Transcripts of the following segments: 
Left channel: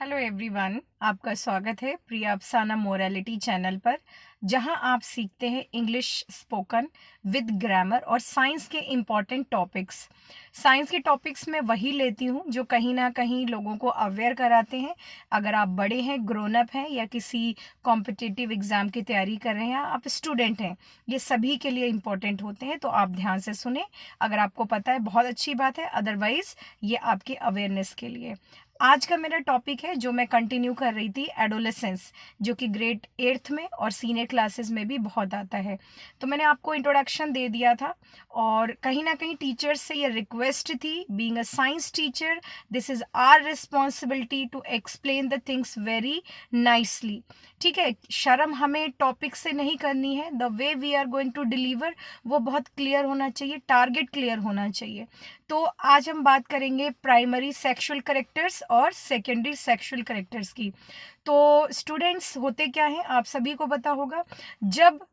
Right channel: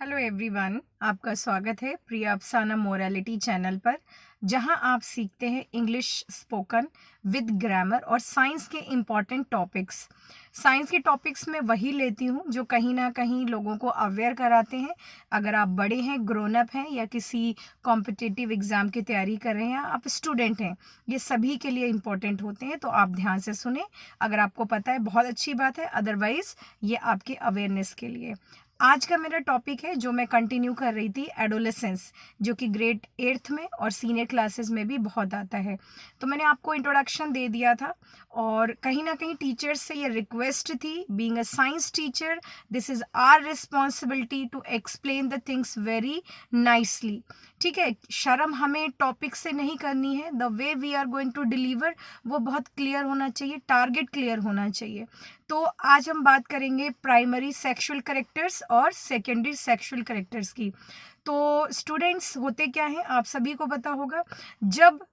Hello everyone, आपका स्वागत है प्रिया अफसाना मोरालिटी चैनल पर, जहां आप सीखते हैं इंग्लिश स्पोकन विद ग्रामर और साइंस के इम्पॉर्टेंट टॉपिक्स। साइंस के टॉपिक्स मैं वही लेती हूं जो कहीं ना कहीं लोगों को अवेयर कराते हैं। अगर आप बड़े हैं, ग्रोन अप हैं, या किसी कॉम्पिटिटिव एग्जाम की तैयारी कर रहे हैं, या आप स्टूडेंट हैं, ये सभी के लिए इम्पॉर्टेंट होते हैं। तो आप ध्यान से सुने। अगर आपको पता है बहुत अच्छी बात है, अदरवाइज ये आपके अवेयरनेस के लिए। आज का मेरा टॉपिक है जो मैं कंटिन्यू कर रही थी, एडोलेसेंस, जो कि ग्रेड 8th में और सीनियर क्लासेस में भी बहुत आता है। तो मैंने आपको इंट्रोडक्शन दे दिया था, और कहीं ना कहीं टीचर्स से ये रिक्वेस्ट थी, being a science teacher this is our responsibility to explain the things very nicely. ठीक है, शर्म हमें टॉपिक से नहीं करनी है। The way we are going to deliver वो बहुत क्लियर होना चाहिए, टारगेट क्लियर होना चाहिए। तो आज हम बात करेंगे प्राइमरी सेक्सुअल कैरेक्टर्स और सेकेंडरी सेक्सुअल कैरेक्टर्स की। तो स्टूडेंट्स, होते क्या हैं आप सभी को पता होगा, जब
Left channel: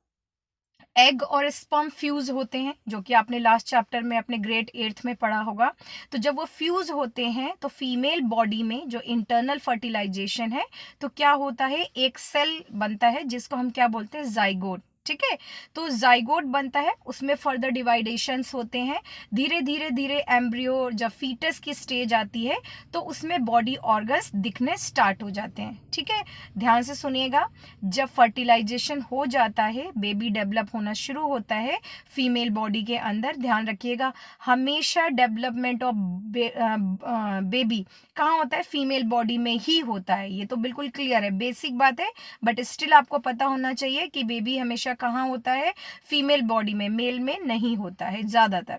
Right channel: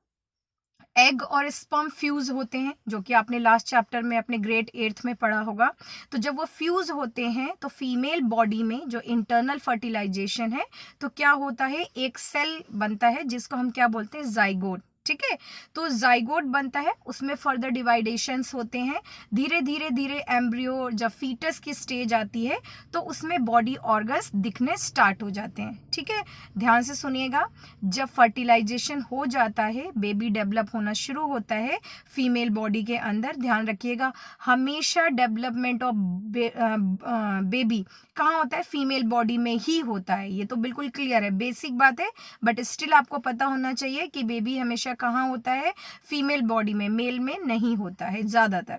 एग और स्पर्म फ्यूज होते हैं, जो कि आपने लास्ट चैप्टर में अपने ग्रेड 8th में पढ़ा होगा। तो जब वो फ्यूज होते हैं तो फीमेल बॉडी में जो इंटरनल फर्टिलाइजेशन है, तो क्या होता है, एक सेल बनता है जिसको हम क्या बोलते हैं, जाइगोट। ठीक है, तो जाइगोट बनता है, उसमें फर्दर डिवाइडेशंस होते हैं। धीरे धीरे धीरे एम्ब्रियो जब फीटस की स्टेज आती है तो उसमें बॉडी ऑर्गन्स दिखने स्टार्ट हो जाते हैं। ठीक है, ध्यान से सुनिएगा। जब फर्टिलाइजेशन हो जाता है, बेबी डेवलप होना शुरू होता है फीमेल बॉडी के अंदर। ध्यान रखिएगा, हमेशा डेवलपमेंट ऑफ बेबी कहाँ होता है, फीमेल बॉडी में ही होता है। ये तो बिल्कुल क्लियर है, बेसिक बात है, बट स्टिल आपको पता होना चाहिए कि बेबी हमेशा कहाँ होता है, फीमेल बॉडी में, मेल में नहीं होता है ज्यादातर।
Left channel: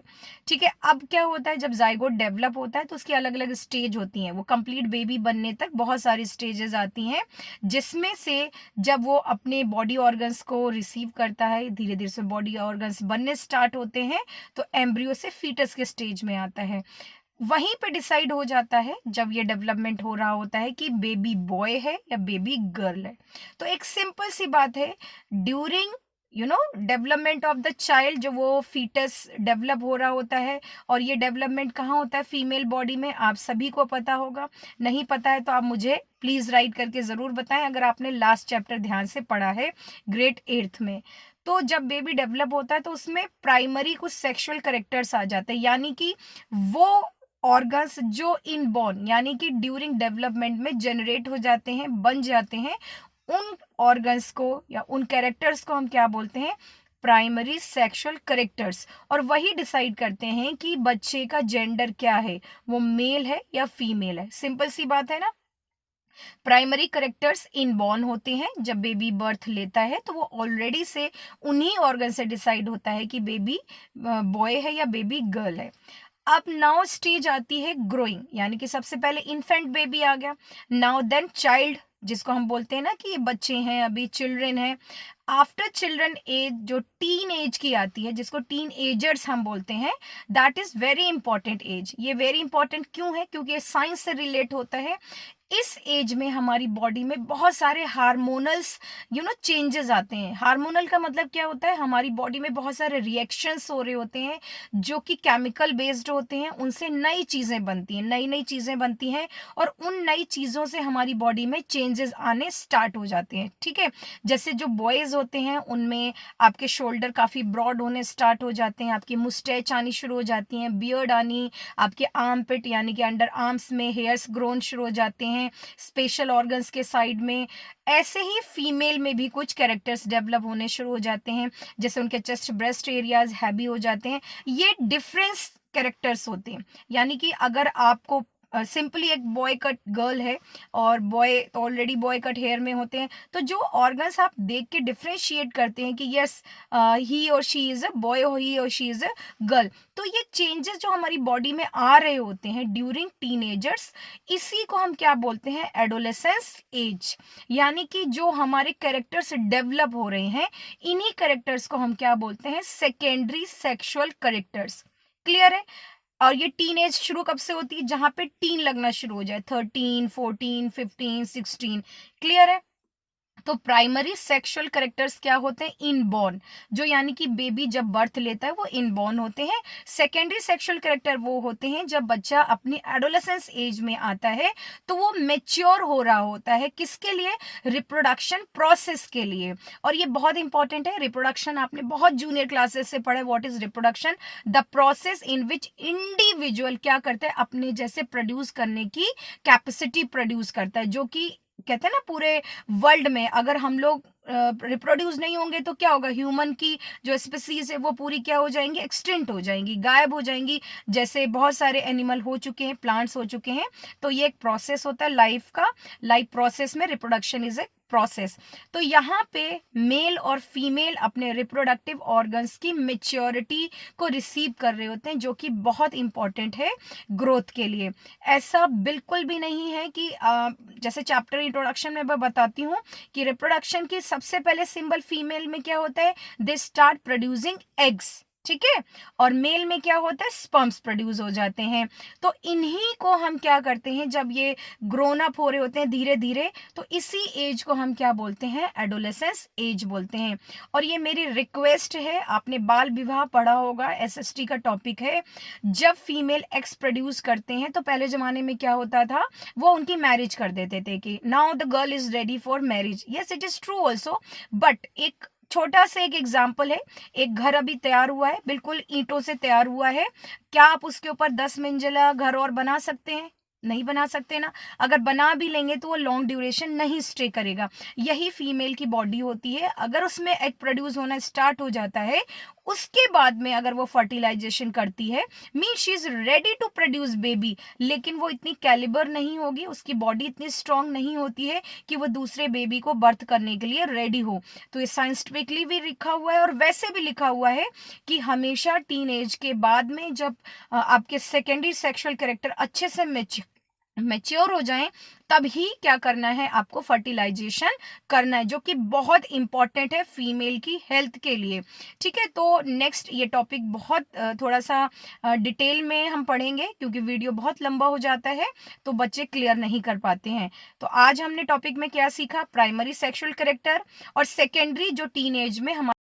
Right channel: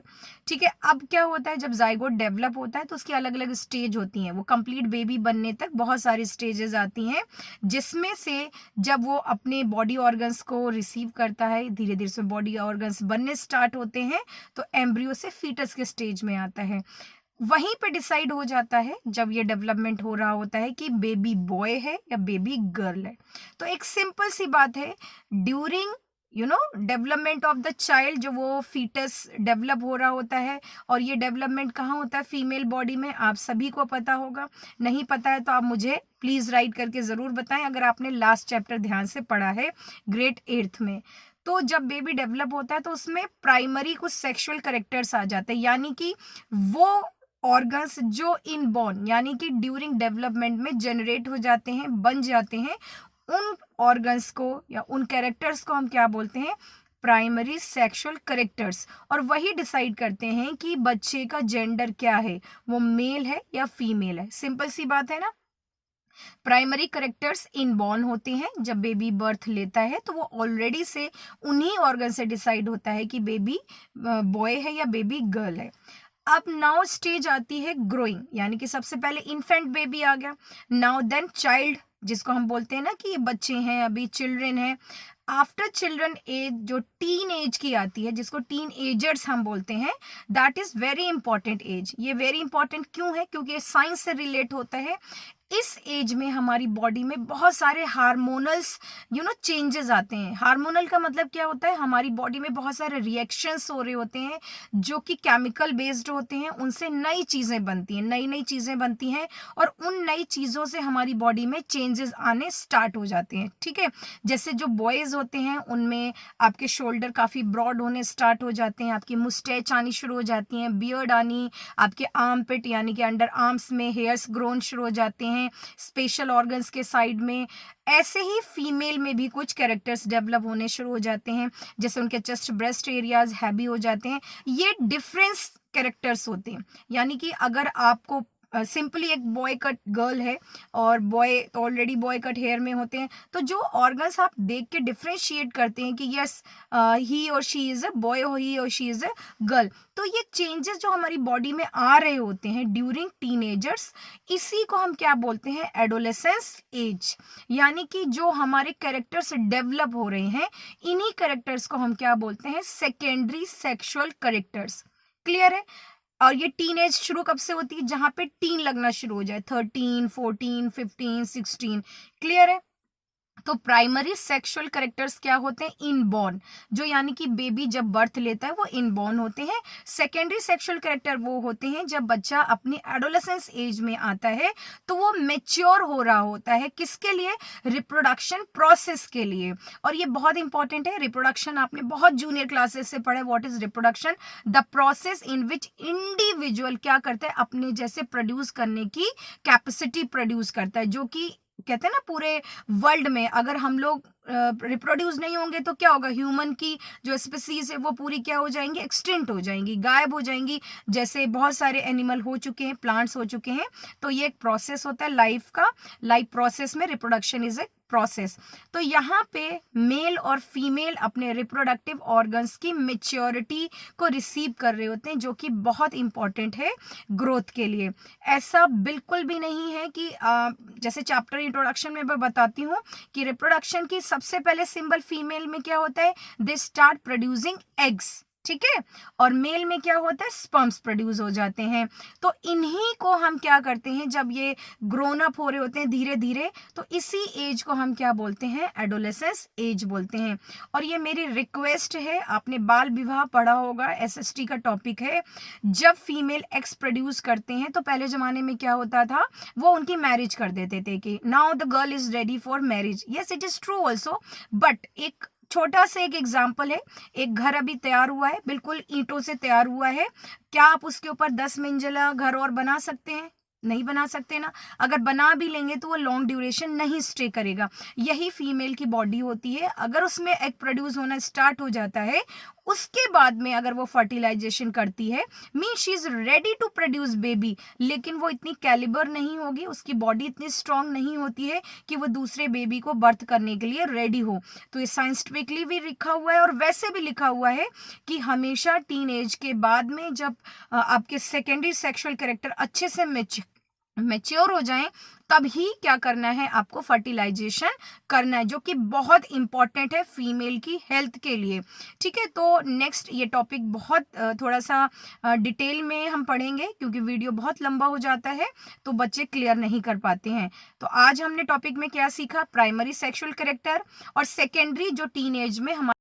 ठीक है, अब क्या होता है, जब जाइगोट डेवलप होता है तो उसकी अलग अलग स्टेज होती हैं। वो कंप्लीट बेबी बनने तक बहुत सारी स्टेजेस आती हैं, जिसमें से जब वो अपने बॉडी ऑर्गन्स को रिसीव करता है, धीरे धीरे से बॉडी ऑर्गन्स बनने स्टार्ट होते हैं, तो एम्ब्रियो से फीटस के स्टेज में आता है। वहीं पे डिसाइड हो जाता है, जब ये डेवलपमेंट हो रहा होता है, कि बेबी बॉय है या बेबी गर्ल है। तो एक सिंपल सी बात है, during development of the child, जो वो फीटस डेवलप हो रहा होता है, और ये डेवलपमेंट कहाँ होता है, फीमेल बॉडी में। आप सभी को पता होगा, नहीं पता है तो आप मुझे प्लीज राइट करके जरूर बताएं अगर आपने लास्ट चैप्टर ध्यान से पढ़ा है ग्रेड 8th में। तो जब बेबी डेवलप होता है तो उसमें प्राइमरी कुछ सेक्सुअल करेक्टर्स आ जाते हैं, यानी कि वो ऑर्गन्स जो इनबॉर्न, यानी कि ड्यूरिंग डेवलपमेंट में जनरेट हो जाते हैं, बन जाते हैं, उन ऑर्गन्स को या उन कैरेक्टर्स को हम क्या बोलते हैं, प्राइमरी सेक्सुअल कैरेक्टर्स। और वही डिसाइड करते हैं कि बच्चे का जेंडर क्या है, वो मेल है या फीमेल है। सिंपल सी बात है ना। प्राइमरी करेक्टर्स इनबॉर्न होते हैं, जब बेबी बर्थ लेता है तो वो ऑलरेडी से उन्हीं ऑर्गन से डिसाइड होता है कि बेबी बॉय है या बेबी गर्ल है। अब नाउ स्टेज आती है ग्रोइंग, यानी कि सबसे पहले इन्फेंट बेबी आ गया, नाउ देन चाइल्ड, जिसको हम बोलते हैं ना कि ये बच्चे हैं, अभी चिल्ड्रन है। आफ्टर चिल्ड्रन एज जो टीन एज की आती है, जिसको टीन एजर्स हम बोलते हैं, that is very important age. ये वेरी इंपॉर्टेंट क्यों है, क्योंकि ये साइंस से रिलेट होता है। इस एज में हमारी बॉडी में बहुत सारे हार्मोनल्स चेंजेस आते हैं। हार्मोनल का मतलब क्या होता है, हमारी बॉडी में बहुत सारे रिएक्शंस हो रहे होते हैं जो कि केमिकल बेस्ड होते हैं, उनसे नई चीजें बनती हैं, नई नई चीजें बनती हैं, और उन नई चीजों से हमारी बॉडी में चेंजेस आने स्टार्ट हो जाते हैं। ठीक है, जैसे जो बॉयज होते हैं उनमें आपके शोल्डर काफी ब्रॉड होने स्टार्ट हो जाते हैं, आपकी मुस्टैच आनी शुरू हो जाती है, बियर्ड आनी, आपके आर्म पिट यानी कि अंडर आर्म्स में हेयर्स ग्रोन शुरू हो जाते हैं, स्पेशल ऑर्गन्स के साइड में। ऐसे ही फीमेल में भी कुछ कैरेक्टर्स डेवलप होने शुरू हो जाते हैं, जैसे उनके चेस्ट ब्रेस्ट एरियाज हैवी हो जाते हैं। ये डिफरेंस कैरेक्टर्स होते हैं, यानी कि अगर आपको सिंपली एक बॉय कट गर्ल है और boy already boy cut hair में होते हैं, तो जो ऑर्गन्स आप देख के डिफ्रेंशिएट करते हैं कि यस ही और शी इज अ बॉय, ही और शी इज अ गर्ल, तो ये चेंजेस जो हमारी बॉडी में आ रहे होते हैं ड्यूरिंग टीनेजर्स, इसी को हम क्या बोलते हैं, एडोलेसेंस एज। यानी कि जो हमारे कैरेक्टर्स डेवलप हो रहे हैं, इन्हीं कैरेक्टर्स को हम क्या बोलते हैं, सेकेंडरी सेक्सुअल कैरेक्टर्स। क्लियर है। और ये टीन एज शुरू कब से होती है, जहां पे टीन लगना शुरू हो जाए, 13, 14, 15, 16। क्लियर है। तो प्राइमरी सेक्सुअल कैरेक्टर्स क्या होते हैं? इनबॉर्न, जो यानी कि बेबी जब बर्थ लेता है वो इनबॉर्न होते हैं। सेकेंडरी सेक्सुअल कैरेक्टर वो होते हैं जब बच्चा अपनी एडोलेसेंस एज में आता है तो वो मेच्योर हो रहा होता है। किसके लिए? रिप्रोडक्शन प्रोसेस के लिए। और ये बहुत इंपॉर्टेंट है, रिप्रोडक्शन आपने बहुत जूनियर क्लासेस से पढ़ा है। What is reproduction? The process in which individual क्या करता है? अपने जैसे प्रोड्यूस करने की कैपेसिटी प्रोड्यूस करता है, जो कि कहते हैं ना पूरे वर्ल्ड में अगर हम लोग रिप्रोड्यूस नहीं होंगे तो क्या होगा? ह्यूमन की जो स्पीसीज है वो पूरी क्या हो जाएंगी? एक्सटिंक्ट हो जाएंगी, गायब हो जाएंगी। जैसे बहुत सारे एनिमल हो चुके हैं, प्लांट्स हो चुके हैं। तो ये एक प्रोसेस होता है लाइफ का। लाइफ प्रोसेस में रिप्रोडक्शन इज ए प्रोसेस। तो यहाँ पे मेल और फीमेल अपने रिप्रोडक्टिव ऑर्गन्स की मेच्योरिटी को रिसीव कर रहे होते हैं, जो कि बहुत इंपॉर्टेंट है ग्रोथ के लिए। ऐसा बिल्कुल भी नहीं है कि जैसे चैप्टर इंट्रोडक्शन में मैं बताती हूँ कि रिप्रोडक्शन की सबसे पहले सिंबल फीमेल में क्या होता है? दे स्टार्ट प्रोड्यूसिंग एग्स, ठीक है। और मेल में क्या होता है? स्पर्म्स प्रोड्यूस हो जाते हैं। तो इन्हीं को हम क्या करते हैं जब ये ग्रोन अप हो रहे होते हैं धीरे धीरे, तो इसी एज को हम क्या बोलते हैं? एडोलेसेंस एज बोलते हैं। और ये मेरी रिक्वेस्ट है, आपने बाल विवाह पढ़ा होगा, एसएसटी का टॉपिक है। जब फीमेल एक्स प्रोड्यूस करते हैं तो पहले जमाने में क्या होता था? वो उनकी मैरिज कर देते थे कि now the girl is ready for marriage. Yes, it is true also, but एक छोटा सा एक एग्जाम्पल है। एक घर अभी तैयार हुआ है, बिल्कुल ईंटों से तैयार हुआ है। क्या आप उसके ऊपर 10 मंजिला घर और बना सकते हैं? नहीं बना सकते ना। अगर बना भी लेंगे तो वो लॉन्ग ड्यूरेशन नहीं स्टे करेगा। यही फीमेल की बॉडी होती है। अगर उसमें एग प्रोड्यूस होना स्टार्ट हो जाता है, उसके बाद में अगर वो फर्टिलाइजेशन करती है, mean she is ready to produce baby, लेकिन वो इतनी कैलिबर नहीं होगी, उसकी बॉडी इतनी स्ट्रांग नहीं होती है कि वो दूसरे बेबी को बर्थ करने के लिए रेडी हो। तो ये साइंटिफिकली भी लिखा हुआ है और वैसे भी लिखा हुआ है कि हमेशा टीन एज के बाद में जब आपके सेकेंडरी सेक्सुअल कैरेक्टर अच्छे से मैच्योर हो जाएं, तभी क्या करना है? आपको फर्टिलाइजेशन करना है, जो कि बहुत इंपॉर्टेंट है फीमेल की हेल्थ के लिए, ठीक है। तो नेक्स्ट ये टॉपिक बहुत थोड़ा सा डिटेल में हम पढ़ेंगे, क्योंकि वीडियो बहुत लंबा हो जाता है तो बच्चे क्लियर नहीं कर पाते हैं। तो आज हमने टॉपिक में क्या सीखा? प्राइमरी सेक्सुअल कैरेक्टर और सेकेंडरी जो टीन एज में हमारे